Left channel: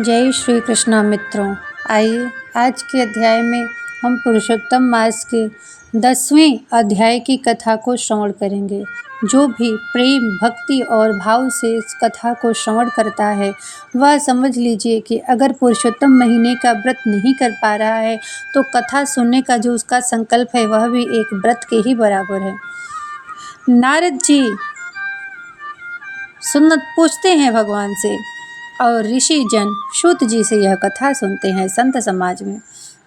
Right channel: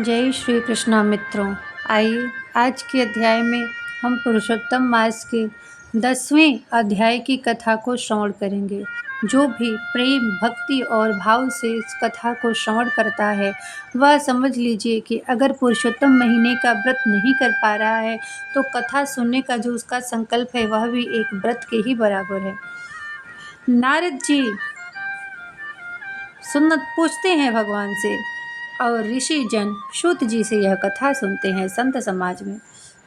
जय श्री कृष्णा मित्रों। आइए आज के अध्याय में हम पुरुषोत्तम मास के 10वें अध्याय की कथा को श्रवण करेंगे। जो भी प्रेम भक्ति और भाव से इस कथा को श्रवण करता है वह समझ लीजिए कि अगर पुरुषोत्तम महीने का व्रत नहीं कर पा रहा है तो कथा सुनने का जो उसका संकल्प है वह भी एक व्रत के ही बराबर है। नारद जी सुन्नत पूछते हैं भगवान से और ऋषि जन सूत जी से यह कथा सुनते हैं। संत समाज में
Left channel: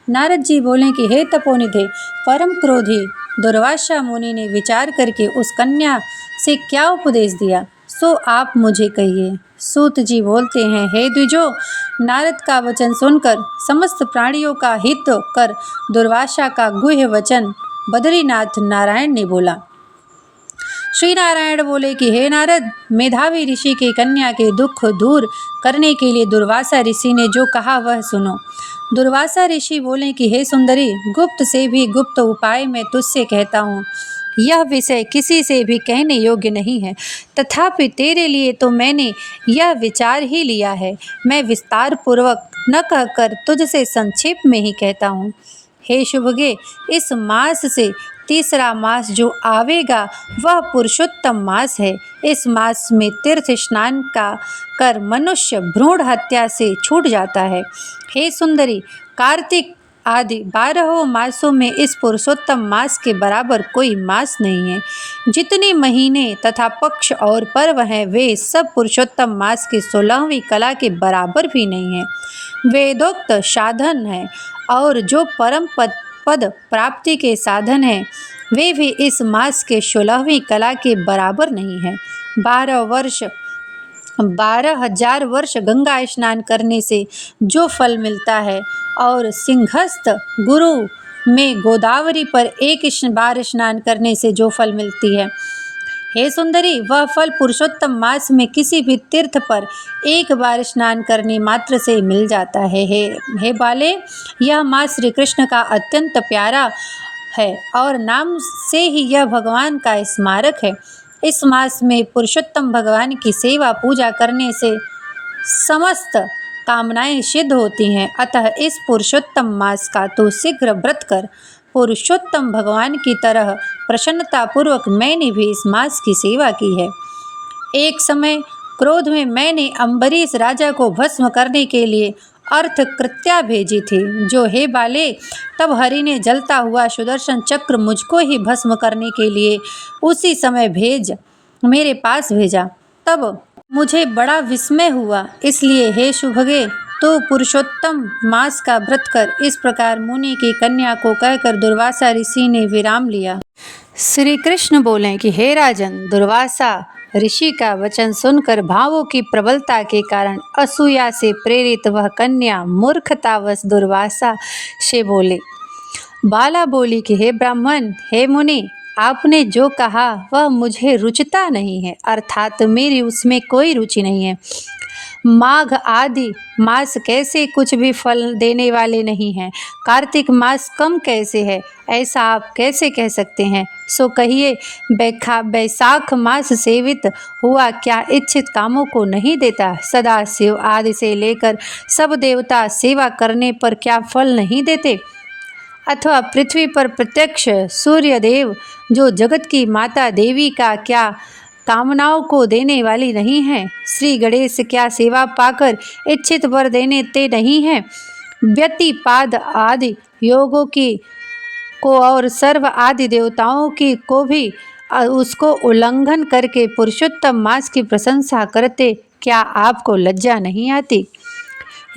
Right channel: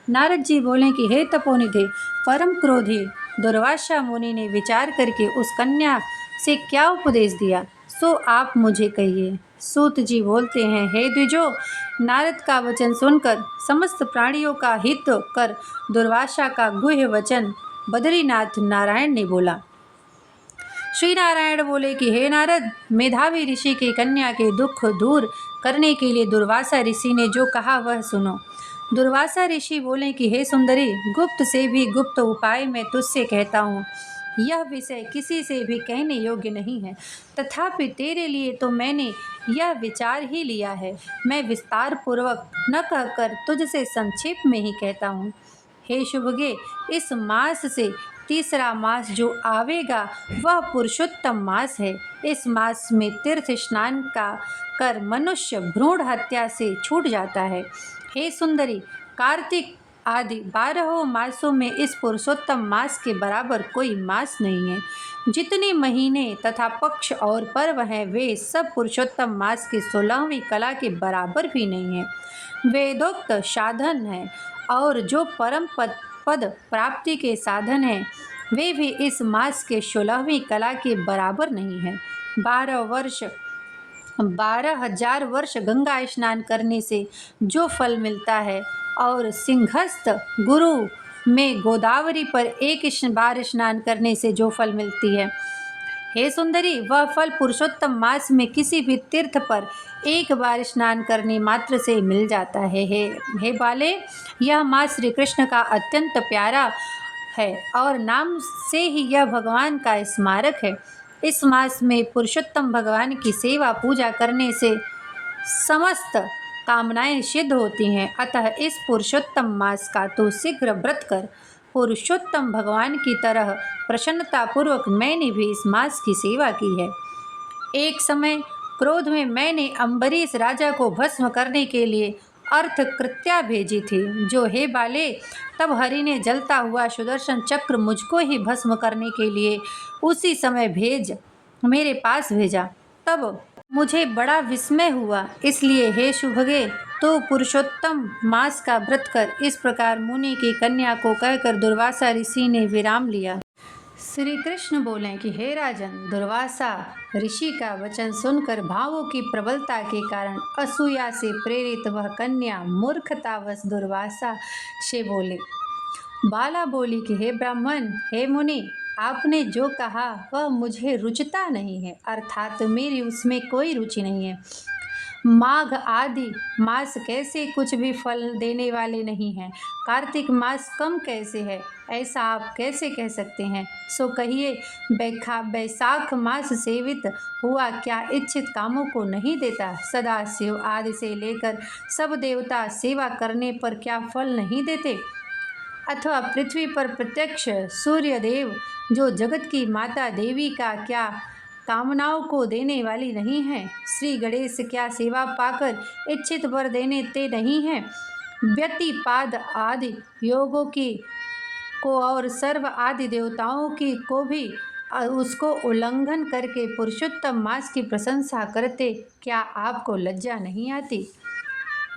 नारद जी बोले कि हे तपोनिधे, परम क्रोधी दुर्वासा मुनि ने विचार करके उस कन्या से क्या उपदेश दिया सो आप मुझे कहिए। सूत जी बोलते हैं, हे द्विजो, नारद का वचन सुनकर समस्त प्राणियों का हित कर दुर्वासा का गुह्य वचन बद्रीनाथ नारायण ने बोला। श्री नारायण बोले कि हे नारद, मेधावी ऋषि की कन्या के दुख दूर करने के लिए दुर्वासा ऋषि ने जो कहा वह सुनो। दुर्वासा ऋषि बोले कि हे सुंदरी, गुप्त से भी गुप्त उपाय मैं तुझसे कहता हूँ। यह विषय किसी से भी कहने योग्य नहीं है, तथापि तेरे लिए तो मैंने यह विचार ही लिया है। मैं विस्तार पूर्वक न कहकर तुझसे संक्षेप में ही कहता हूँ। हे शुभगे, इस मास से तीसरा मास जो आवेगा वह पुरुषोत्तम मास है। इस मास में तीर्थ स्नान का कर मनुष्य भ्रूण हत्या से छूट जाता है। हे सुंदरी, कार्तिक आदि 12 मासों में इस पुरुषोत्तम मास के बराबर कोई मास नहीं है। जितने महीने तथा पक्ष और पर्व हैं वे सब पुरुषोत्तम मास की 16वीं कला के बराबर भी नहीं है। वेदोक्त साधन है और जो परम पद प्राप्ति के साधन हैं वे भी इस मास के 16वीं कला के बराबर नहीं है। 12,000 वर्ष गंगा स्नान करने से जो फल मिलता है और सिंहस्थ गुरु में गोदावरी पर एक बार स्नान करने से जो फल मिलती है, हे सुंदरी, वह फल पुरुषोत्तम मास में किसी भी तीर्थ पर एक बार स्नान करने मात्र से मिल जाता है। हे बाले, यह मास श्री कृष्ण का अत्यंत प्यारा है और नाम से ही यह भगवान का स्मारक है। इस मास में पुरुषोत्तम भगवान की सेवा पूजा करने से समस्त कामनाएं सिद्ध होती हैं। अतः इस पुरुषोत्तम मास का तो शीघ्र व्रत कर। पुरुषोत्तम भगवान की तरह प्रसन्नतापूर्वक मैंने भी इस मास की सेवा की है। एक समय क्रोध में मैंने अम्बरीश राजा को भस्म करने के लिए अर्थ कृत्या भेजी थी। जो हे बाले, तब हरि ने जलता हुआ सुदर्शन चक्र मुझको ही भस्म करने के लिए उसी समय मेरे पास भेजा। तब मुझे बड़ा विस्मय हुआ। इसलिए हे शुभगे, तो पुरुषोत्तम मास का व्रत कर। इस प्रकार मुनि की कन्या को कहकर दुर्वासा ऋषि ने विराम लिया। श्री कृष्ण बोले कि हे राजन, दुर्वासा ऋषि का वचन सुनकर भावों की प्रबलता के कारण असूया से प्रेरित वह कन्या मूर्खतावश दुर्वासा से बाला बोली कि हे ब्राह्मण, हे मुनि, आपने जो कहा वह मुझे रुचता नहीं है, अर्थात मेरी उसमें कोई रुचि नहीं है। माघ आदि मास कैसे कुछ भी फल देने वाले नहीं हैं, कार्तिक मास कम कैसे है, ऐसा आप कैसे कह सकते हैं। सो कहिए, बैसाख मास सेवित हुआ क्या इच्छित कामों को नहीं देता। सदा शिव आदि से लेकर सब देवता सेवा करने पर क्या फल नहीं देते। अथवा पृथ्वी पर प्रत्यक्ष सूर्य देव जो जगत की माता देवी का क्या कामनाओं को देने वाली नहीं है। श्री गणेश क्या सेवा पाकर इच्छित वर देते नहीं हैं। व्यतिपाद आदि योगों की को और सर्व आदि देवताओं की को भी उसको उल्लंघन करके पुरुषोत्तम मास की प्रशंसा करते, क्या आपको लज्जा नहीं आती।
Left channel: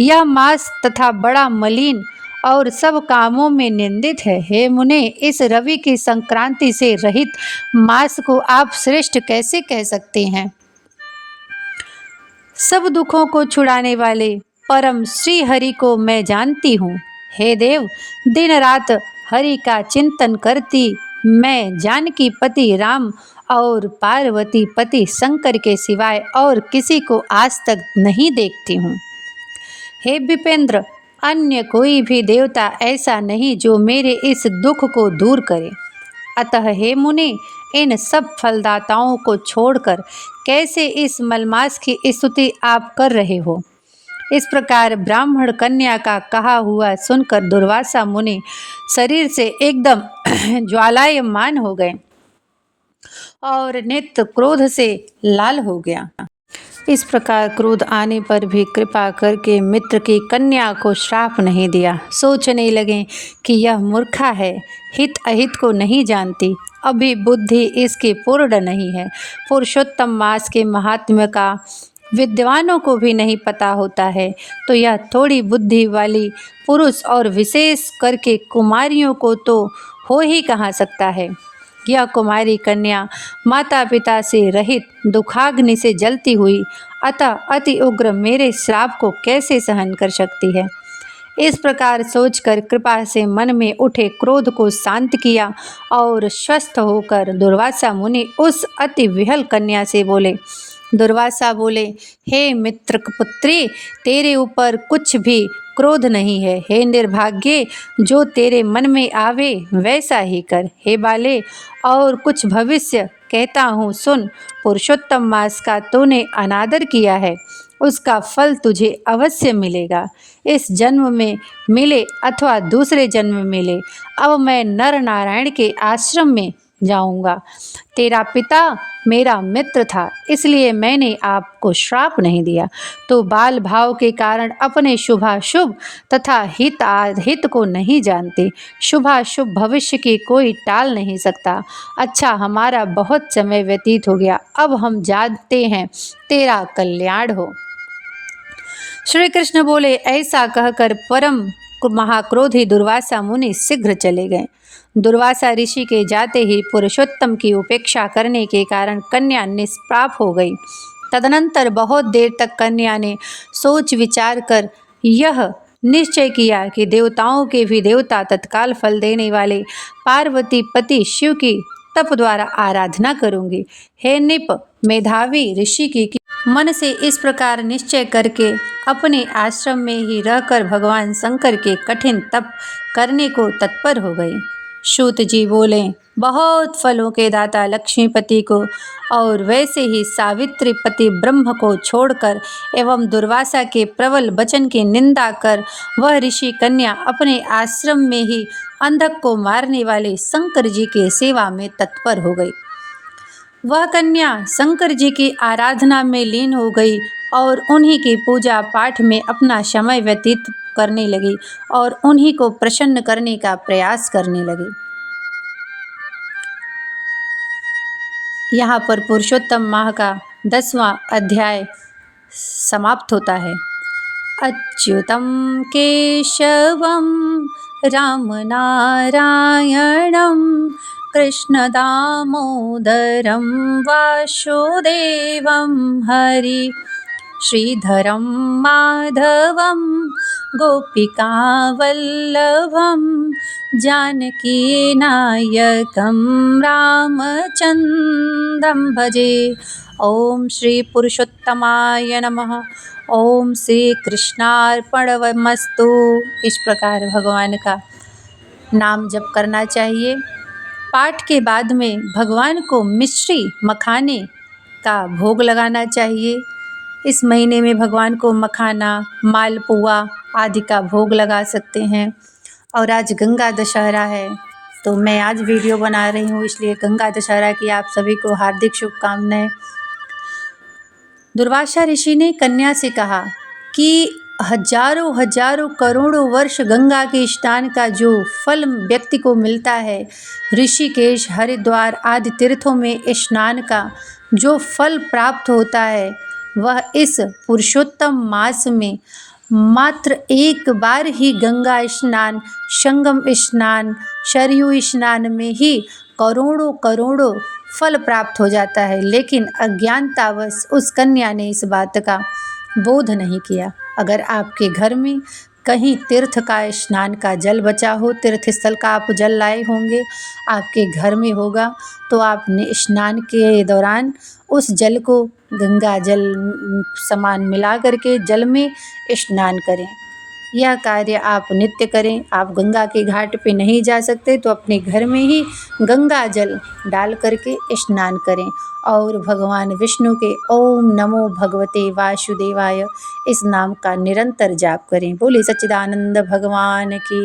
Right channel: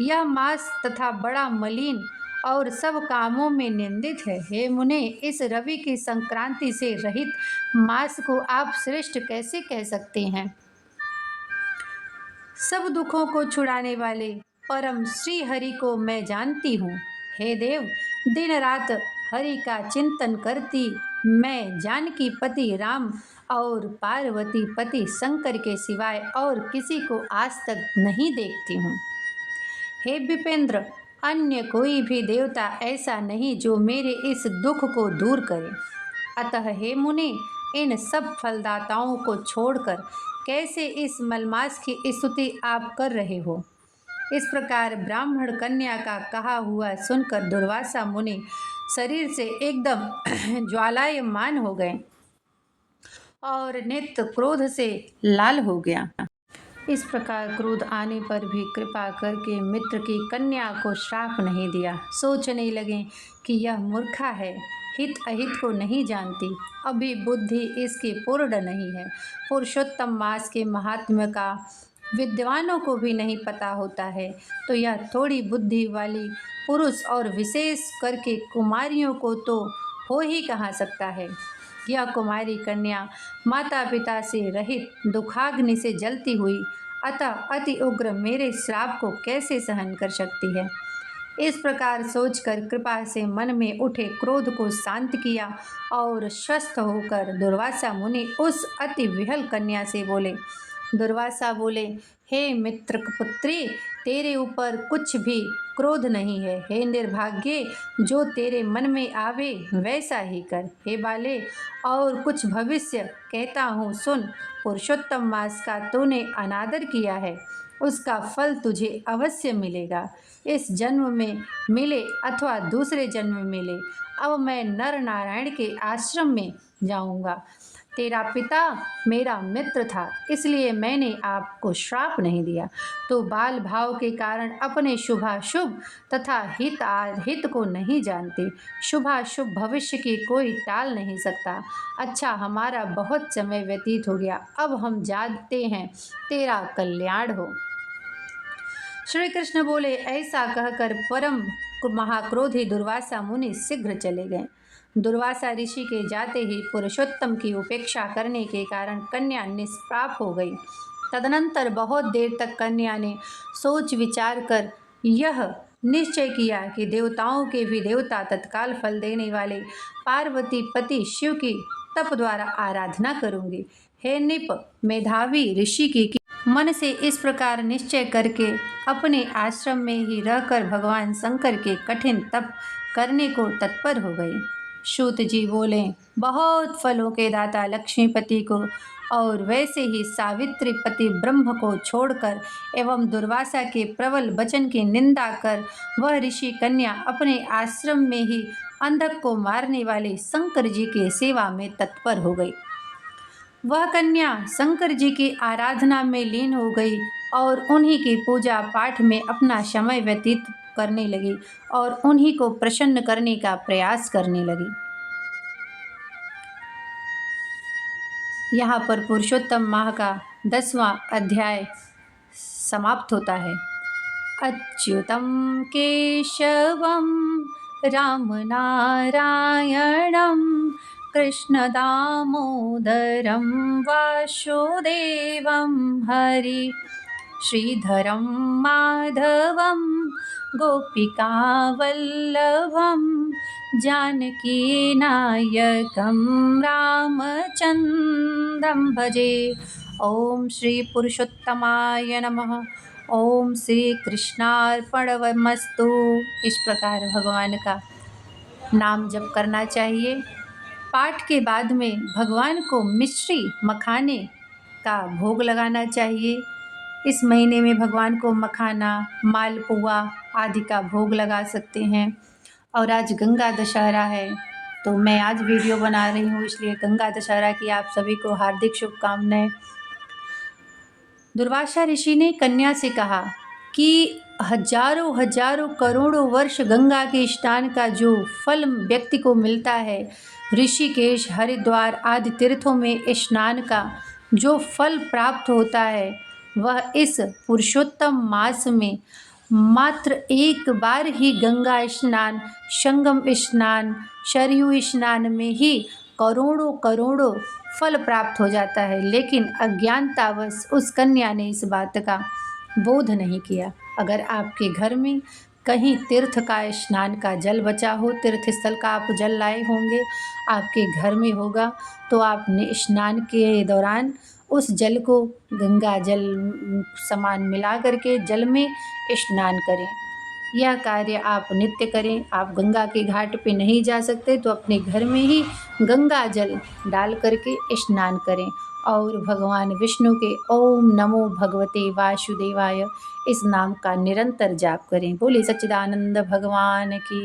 यह मास तथा बड़ा मलिन और सब कामों में निंदित है। हे मुने, इस रवि की संक्रांति से रहित मास को आप श्रेष्ठ कैसे कह सकते हैं। सब दुखों को छुड़ाने वाले परम श्री हरि को मैं जानती हूँ। हे देव, दिन रात हरि का चिंतन करती मैं जानकी पति राम और पार्वती पति शंकर के सिवाय और किसी को आज तक नहीं देखती हूँ। हे विपेंद्र, अन्य कोई भी देवता ऐसा नहीं जो मेरे इस दुख को दूर करे। अतः हे मुनि, इन सब फलदाताओं को छोड़कर कैसे इस मलमास की स्तुति आप कर रहे हो। इस प्रकार ब्राह्मण कन्या का कहा हुआ सुनकर दुर्वासा मुनि शरीर से एकदम ज्वालायमान हो गए और नेत्र क्रोध से लाल हो गया। इस प्रकार क्रोध आने पर भी कृपा करके मित्र की कन्या को श्राप नहीं दिया। सोचने लगे कि यह मूर्खा है, हित अहित को नहीं जानती, अभी बुद्धि इसकी पूर्ण नहीं है। पुरुषोत्तम मास के महात्म्य का विद्वानों को भी नहीं पता होता है, तो यह थोड़ी बुद्धि वाली पुरुष और विशेष करके कुमारियों को तो हो ही कहाँ सकता है। यह कुमारी कन्या माता पिता से रहित दुखाग्नि से जलती हुई अतः अति उग्र मेरे श्राप को कैसे सहन कर सकती है। इस प्रकार सोचकर कृपा से मन में उठे क्रोध को शांत किया और स्वस्थ होकर दुर्वासा मुनि उस अति विहल कन्या से बोले। दुर्वासा बोले, हे मित्र पुत्री, तेरे ऊपर कुछ भी क्रोध नहीं है। हे निर्भाग्ये, जो तेरे मन में आवे वैसा ही कर। हे बाले, और कुछ भविष्य कहता हूँ सुन। पुरुषोत्तम मास का तूने अनादर किया है, उसका फल तुझे अवश्य मिलेगा, इस जन्म में मिले अथवा दूसरे जन्म में मिले। अब मैं नर नारायण के आश्रम में जाऊंगा। तेरा पिता मेरा मित्र था, इसलिए मैंने आपको श्राप नहीं दिया। तो बाल भाव के कारण अपने शुभाशुभ तथा हित को नहीं जानते। शुभाशुभ भविष्य की कोई टाल नहीं सकता। अच्छा, हमारा बहुत समय व्यतीत हो गया, अब हम जाते हैं, तेरा कल्याण हो। श्री कृष्ण बोले। ऐसा कहकर परम महाक्रोधी दुर्वासा मुनि शीघ्र चले गए। दुर्वासा ऋषि के जाते ही पुरुषोत्तम की उपेक्षा करने के कारण कन्या निष्पाप हो गई। तदनंतर बहुत देर तक कन्या ने सोच विचार कर यह निश्चय किया कि देवताओं के भी देवता तत्काल फल देने वाले पार्वती पति शिव की तप द्वारा आराधना करूंगी। हे निप, मेधावी ऋषि की मन से इस प्रकार निश्चय करके अपने आश्रम में ही रहकर भगवान शंकर के कठिन तप करने को तत्पर हो गई। सूत जी बोले, बहुत फलों के दाता लक्ष्मीपति को और वैसे ही सावित्रीपति ब्रह्म को छोड़कर एवं दुर्वासा के प्रबल वचन की निंदा कर वह ऋषि कन्या अपने आश्रम में ही अंधक को मारने वाले शंकर जी के सेवा में तत्पर हो गई। वह कन्या शंकर जी की आराधना में लीन हो गई और उन्हीं की पूजा पाठ में अपना समय व्यतीत करने लगी और उन्हीं को प्रसन्न करने का प्रयास करने लगी। यहाँ पर पुरुषोत्तम माह का 10वां अध्याय समाप्त होता है। अच्युतं केशवं राम नारायणं कृष्ण दामोदरं वासुदेवं हरि श्रीधरं माधवं गोपिकावल्लभं जानकीनायकं रामचन्द्रं भजे। ओम श्री पुरुषोत्तमाय नमः। ओम श्री कृष्णार्पणमस्तु। इस प्रकार भगवान का नाम जप करना चाहिए। पाठ के बाद में भगवान को मिश्री मखाने का भोग लगाना चाहिए। इस महीने में भगवान को मखाना, मालपुआ आदि का भोग लगा सकते हैं। और आज गंगा दशहरा है, तो मैं आज वीडियो बना रही हूँ, इसलिए गंगा दशहरा की आप सभी को हार्दिक शुभकामनाएं। दुर्वासा ऋषि ने कन्या से कहा कि हजारों करोड़ों वर्ष गंगा के स्नान का जो फल व्यक्ति को मिलता है, ऋषिकेश, हरिद्वार आदि तीर्थों में स्नान का जो फल प्राप्त होता है, वह इस पुरुषोत्तम मास में मात्र एक बार ही गंगा स्नान, संगम स्नान, सरयू स्नान में ही करोड़ों फल प्राप्त हो जाता है। लेकिन अज्ञानतावश उस कन्या ने इस बात का बोध नहीं किया। अगर आपके घर में कहीं तीर्थ का स्नान का जल बचा हो, तीर्थ स्थल का आप जल लाए होंगे, आपके घर में होगा, तो आपने स्नान के दौरान उस जल को गंगा जल समान मिला करके जल में स्नान करें। यह कार्य आप नित्य करें। आप गंगा के घाट पे नहीं जा सकते तो अपने घर में ही गंगा जल डाल करके स्नान करें और भगवान विष्णु के ओम नमो भगवते वासुदेवाय इस नाम का निरंतर जाप करें। बोले सच्चिदानंद भगवान की।